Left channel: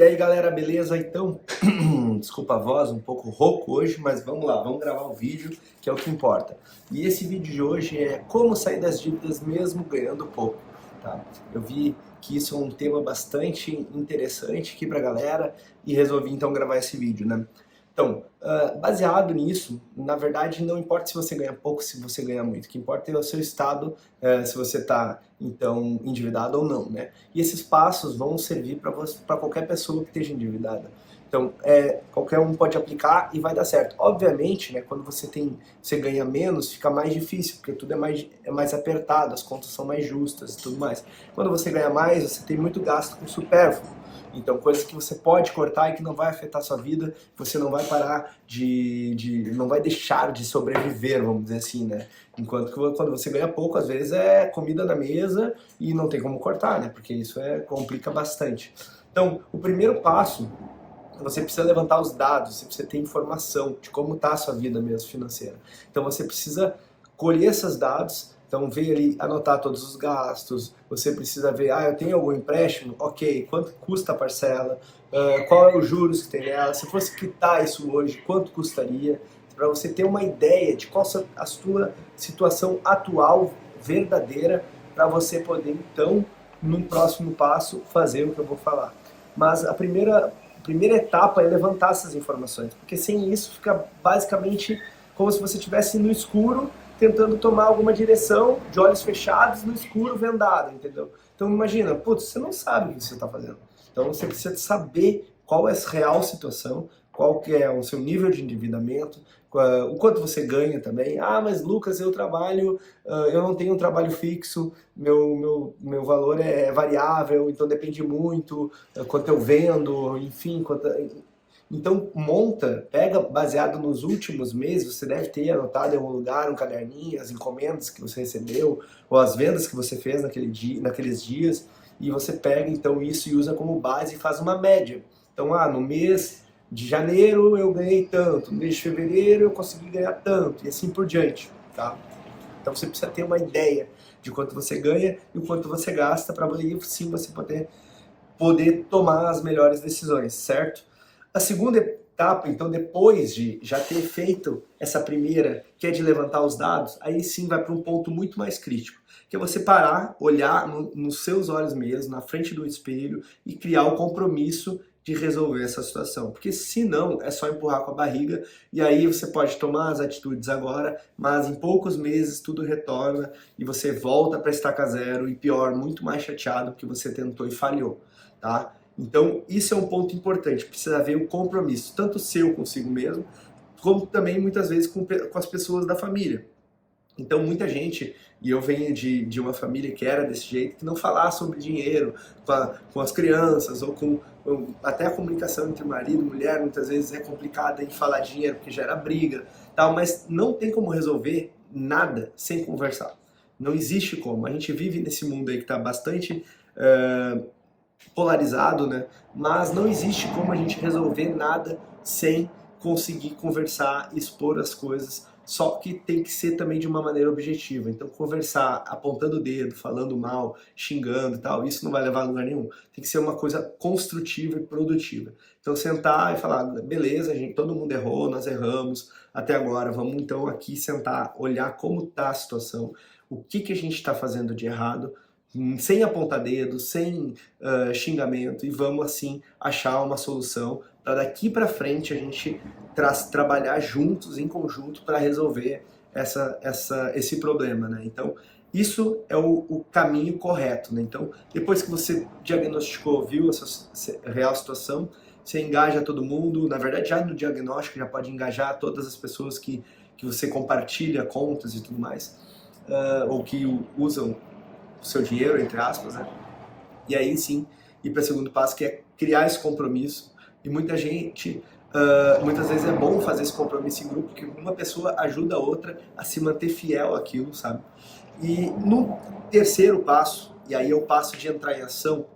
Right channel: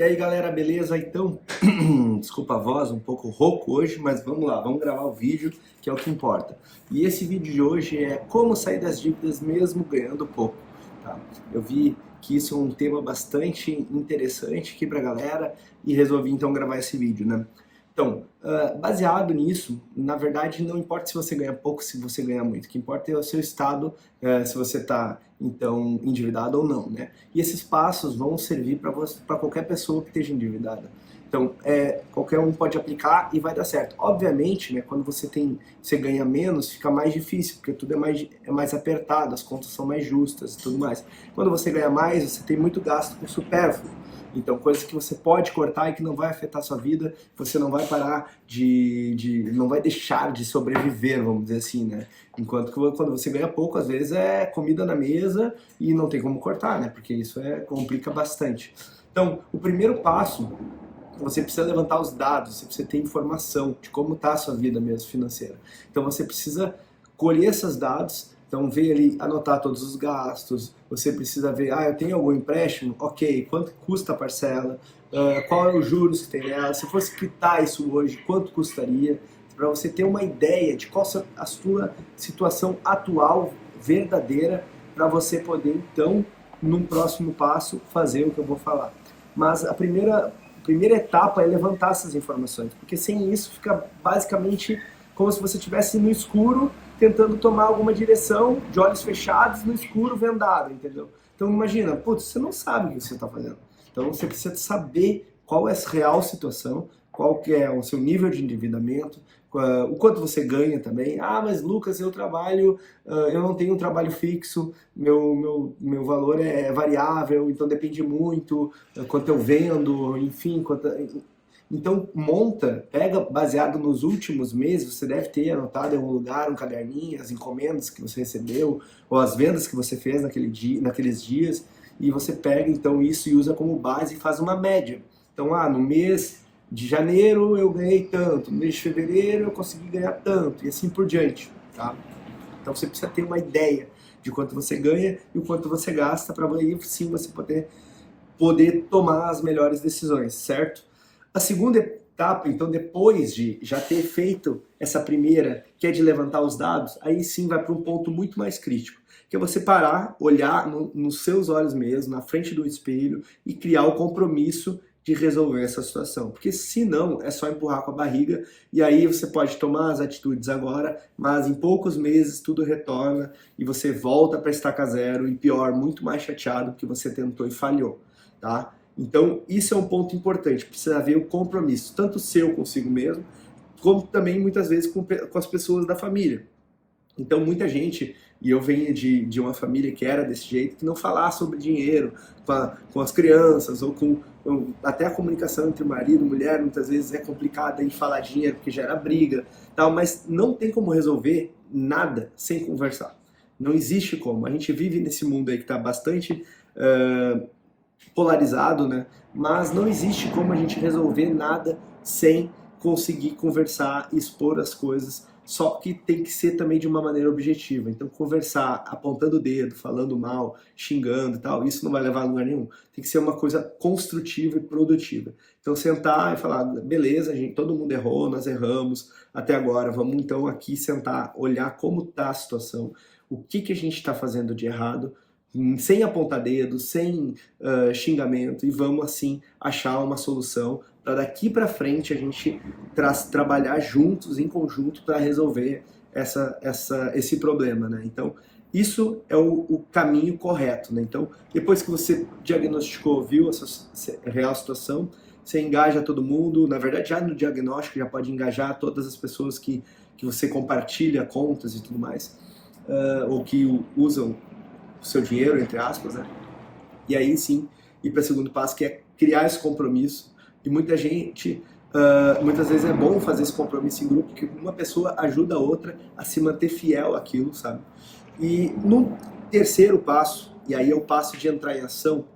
E aí galera, beleza? Então, desculpa a voz, um pouco rouco hoje, mas vamos lá, vamos gravar o vídeo, que é o que importa. E esse vídeo de hoje é como sair das dívidas mesmo ganhando pouco, tá? Eu vi que isso é um tema bastante interessante aqui pra galera e resolvi então gravar esse vídeo, né? Então, baseado nisso, na verdade não importa se você ganha pouco, se você ganha muito, o que importa é o seu estado, se você está então endividado ou não, né? E esses passos vão servir para qualquer pessoa que esteja endividada. Então, qualquer um pode aplicar e vai dar certo. Obviamente, né, quando você ganha menos, fica mais difícil, porque tudo é mais apertado, as contas são mais justas e tudo mais. Quando você ganha mais, você tem muito gasto com supérfluo. Então, coisas que você pode cortar e que não vai afetar a sua vida, você não vai parar não vai deixar de sobreviver, vamos dizer assim, né? Enquanto que quando você ganha pouco, às vezes é comida na mesa e não tem como cortar, né? Porque isso complica bastante. Então, o primeiro passo, você precisa levantar os dados, você precisa ter informação de como está a sua vida mesmo financeira. Então, você precisa colher esses dados. Então, ver ali, anotar todos os gastos, você precisa ver, eu tenho algum empréstimo? Ok, quanto custa a parcela? Qual é os juros que tem nela? Se fosse quitar isso hoje, quanto custaria? Para você ter uma ideia de qual a sua situação atual, verdadeira, para você poder, então, num próximo passo, fazer o que eu vou falar. Mas a primeira etapa é levantar essas informações, porque sem isso fica basicamente como se você estivesse no escuro, tentando tomar alguma direção, de olhos fechados, no escuro, vendado, entendeu? Então imagina, putz, você não sabe o que você está fazendo. Então você precisa saber qual é a real situação, qual que é o seu nível de endividamento, o quanto você ganha também. Mas Lucas, eu não tenho um trabalho fixo, meu valor é variável, então depende muito, quanto eu vendo, enfim, Então, pega baseado nos últimos meses, você deve ter anotado em algum lugar, um caderninho, as encomendas que você recebeu, ou as vendas que você fez naqueles dias, e você pega então isso e usa como base e faz uma média. Então, no mês de janeiro eu ganhei tanto, no mês de fevereiro eu consegui ganhar tanto, e assim por diante, tá? Então, você precisa ter uma ideia de quanto você ganha e o quanto você gasta, para aí sim você poder tomar as melhores decisões, certo? A segunda etapa, então, depois de já ter feito essa primeira, que é de levantar os dados, aí sim vai para um ponto muito mais crítico, que é você parar, olhar nos seus olhos mesmo, na frente do espelho e criar o compromisso de resolver essa situação. Porque se não, é só empurrar com a barriga e aí você pode tomar as atitudes agora, mas em poucos meses tudo retorna e você volta para estaca zero e pior, muito mais chateado porque você tentou e falhou, tá? Então, isso é um ponto importante, precisa haver o compromisso, tanto seu consigo mesmo, como também muitas vezes com as pessoas da família. Então, muita gente, e eu venho de uma família que era desse jeito, que não falar sobre dinheiro com as crianças, até a comunicação entre marido e mulher, muitas vezes é complicada em falar de dinheiro, porque gera briga, tal, mas não tem como resolver nada sem conversar. Não existe como. A gente vive nesse mundo aí que está bastante polarizado, né? Mas não existe como a gente resolver nada sem conseguir conversar e expor as coisas, só que tem que ser também de uma maneira objetiva. Então, conversar apontando o dedo, falando mal, xingando e tal, isso não vai levar a lugar nenhum. Tem que ser uma coisa construtiva e produtiva. Então, sentar e falar, beleza, todo mundo errou, nós erramos até agora, vamos então aqui sentar, olhar como está a situação, o que a gente está fazendo de errado, sem apontar dedo, sem xingamento, e vamos assim achar uma solução para daqui para frente a gente trabalhar juntos, em conjunto, para resolver esse problema, né? Então, isso é o caminho correto, né? Então, depois que você diagnosticou, viu essa real situação, você engaja todo mundo, na verdade já no diagnóstico já pode engajar todas as pessoas que você compartilha contas e tudo mais, ou que usam o seu dinheiro, entre aspas, né? E aí sim, ir para o segundo passo, que é criar esse compromisso. E muitas vezes é bom fazer esse compromisso em grupo, porque uma pessoa ajuda a outra a se manter fiel àquilo, sabe? E no terceiro passo, e aí é o passo de entrar em ação,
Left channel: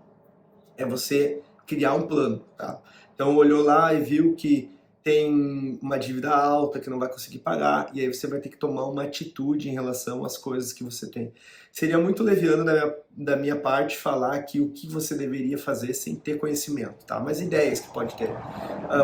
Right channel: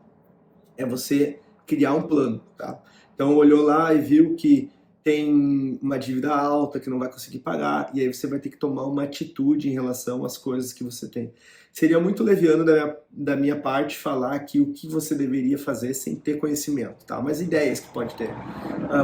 é você criar um plano, tá? Então olhou lá e viu que tem uma dívida alta que não vai conseguir pagar, e aí você vai ter que tomar uma atitude em relação às coisas que você tem. seria muito leviano da minminha parte falar aqui o que você deveria fazer sem ter conhecimento, tá? Mas ideias que pode ter.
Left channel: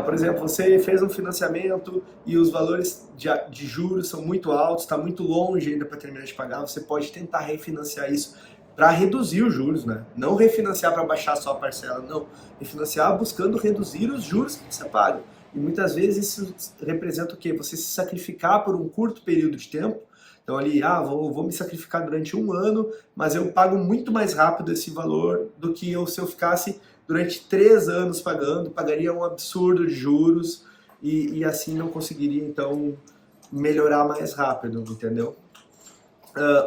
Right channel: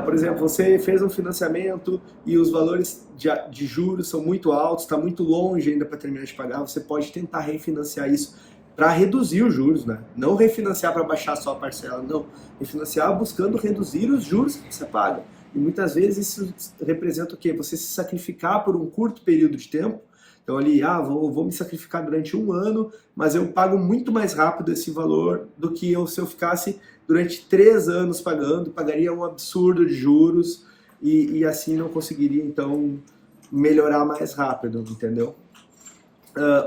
Por exemplo, você fez um financiamento e os valores de juros são muito altos, está muito longe ainda para terminar de pagar, você pode tentar refinanciar isso para reduzir os juros, né? Não refinanciar para baixar só a parcela, não. Refinanciar buscando reduzir os juros que você paga. E muitas vezes isso representa o quê? Você se sacrificar por um curto período de tempo. Então ali, vou me sacrificar durante um ano, mas eu pago muito mais rápido esse valor do que se eu ficasse durante 3 anos pagando, pagaria um absurdo de juros e assim não conseguiria, então, melhorar mais rápido, entendeu?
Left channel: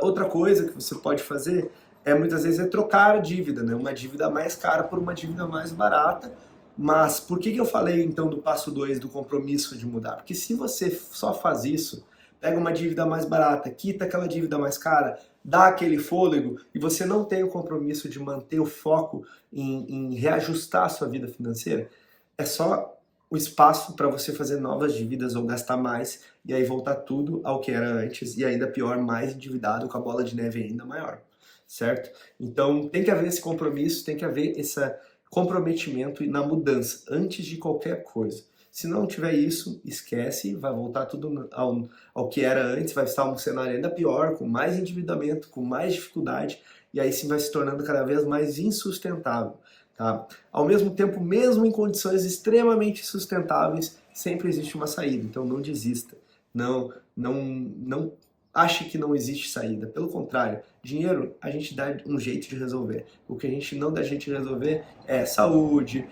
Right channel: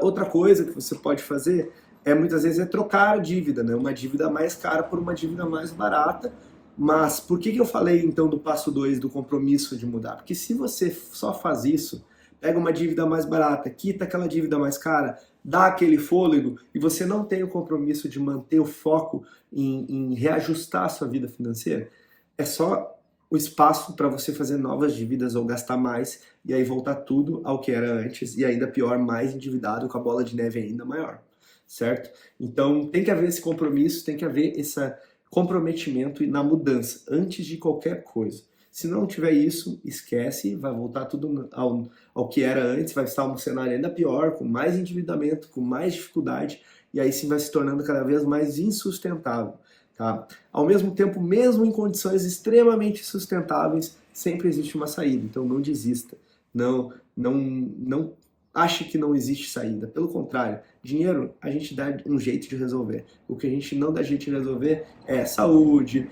Outra coisa que você pode fazer muitas vezes trocar a dívida, né? Uma dívida mais cara por uma dívida mais barata. Mas por que eu falei então do passo 2 do compromisso de mudar? Porque se você só faz isso, pega uma dívida mais barata, quita aquela dívida mais cara, dá aquele fôlego e você não tem o compromisso de manter o foco em reajustar a sua vida financeira, é só o espaço para você fazer novas dívidas ou gastar mais e aí voltar tudo ao que era antes e ainda pior, mais endividado com a bola de neve ainda maior, certo? Então tem que haver esse compromisso, tem que haver esse comprometimento na mudança antes de qualquer coisa. Se não tiver isso, esquece, vai voltar tudo ao que era antes, vai estar um cenário ainda pior, com mais endividamento, com mais dificuldade, e aí sim vai se tornando cada vez mais insustentável. Tá? Ao mesmo tempo, mesmo em condições extremamente sustentáveis, sempre existe uma saída, então não desista. Não ache que não existe saída. Pelo contrário, dinheiro a gente dá um jeito de resolver. O que a gente não dá jeito de resolver é saúde,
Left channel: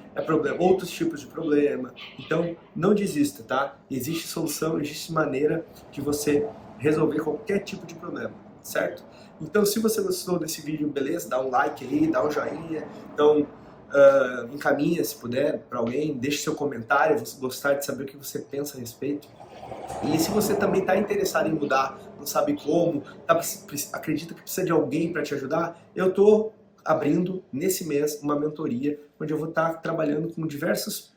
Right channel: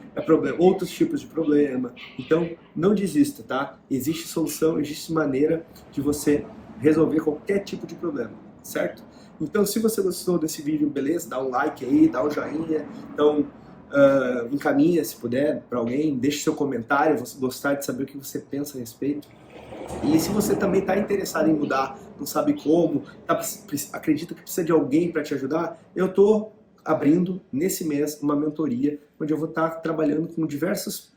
outros tipos de problema. Então, não desista, tá? Existe solução, existe maneira de você resolver qualquer tipo de problema, certo? Então, se você gostou desse vídeo, beleza? Dá um like aí, dá um joinha. Então, encaminha, se puder, para alguém. Deixe seu comentário, vou gostar de saber o que você pensa a respeito. E se você também está interessado em mudar, não sabe como, acredita que precisa de alguém para te ajudar, eu estou abrindo nesse mês uma mentoria onde eu vou estar trabalhando com diversos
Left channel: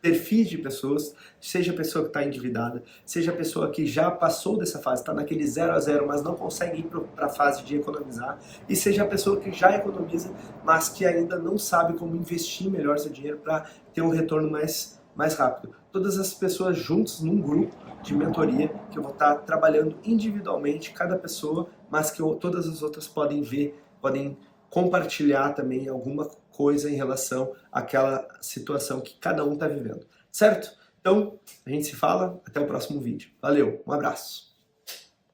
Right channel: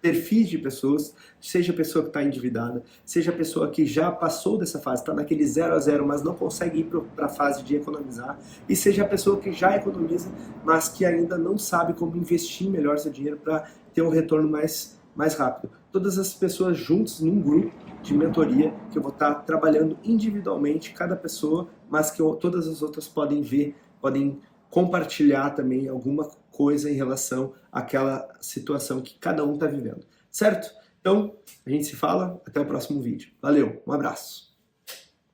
perfis de pessoas, seja a pessoa que está endividada, seja a pessoa que já passou dessa fase, está naquele 0 a 0, mas não consegue ir para a fase de economizar, e seja a pessoa que já economiza, mas que ainda não sabe como investir melhor seu dinheiro para ter um retorno mais rápido. Todas as pessoas juntas num grupo de mentoria que eu vou estar trabalhando individualmente, cada pessoa, mas que todas as outras podem ver, podem compartilhar também alguma coisa em relação àquela situação que cada um está vivendo, certo? Então, a gente se fala, até o próximo vídeo. Valeu, um abraço!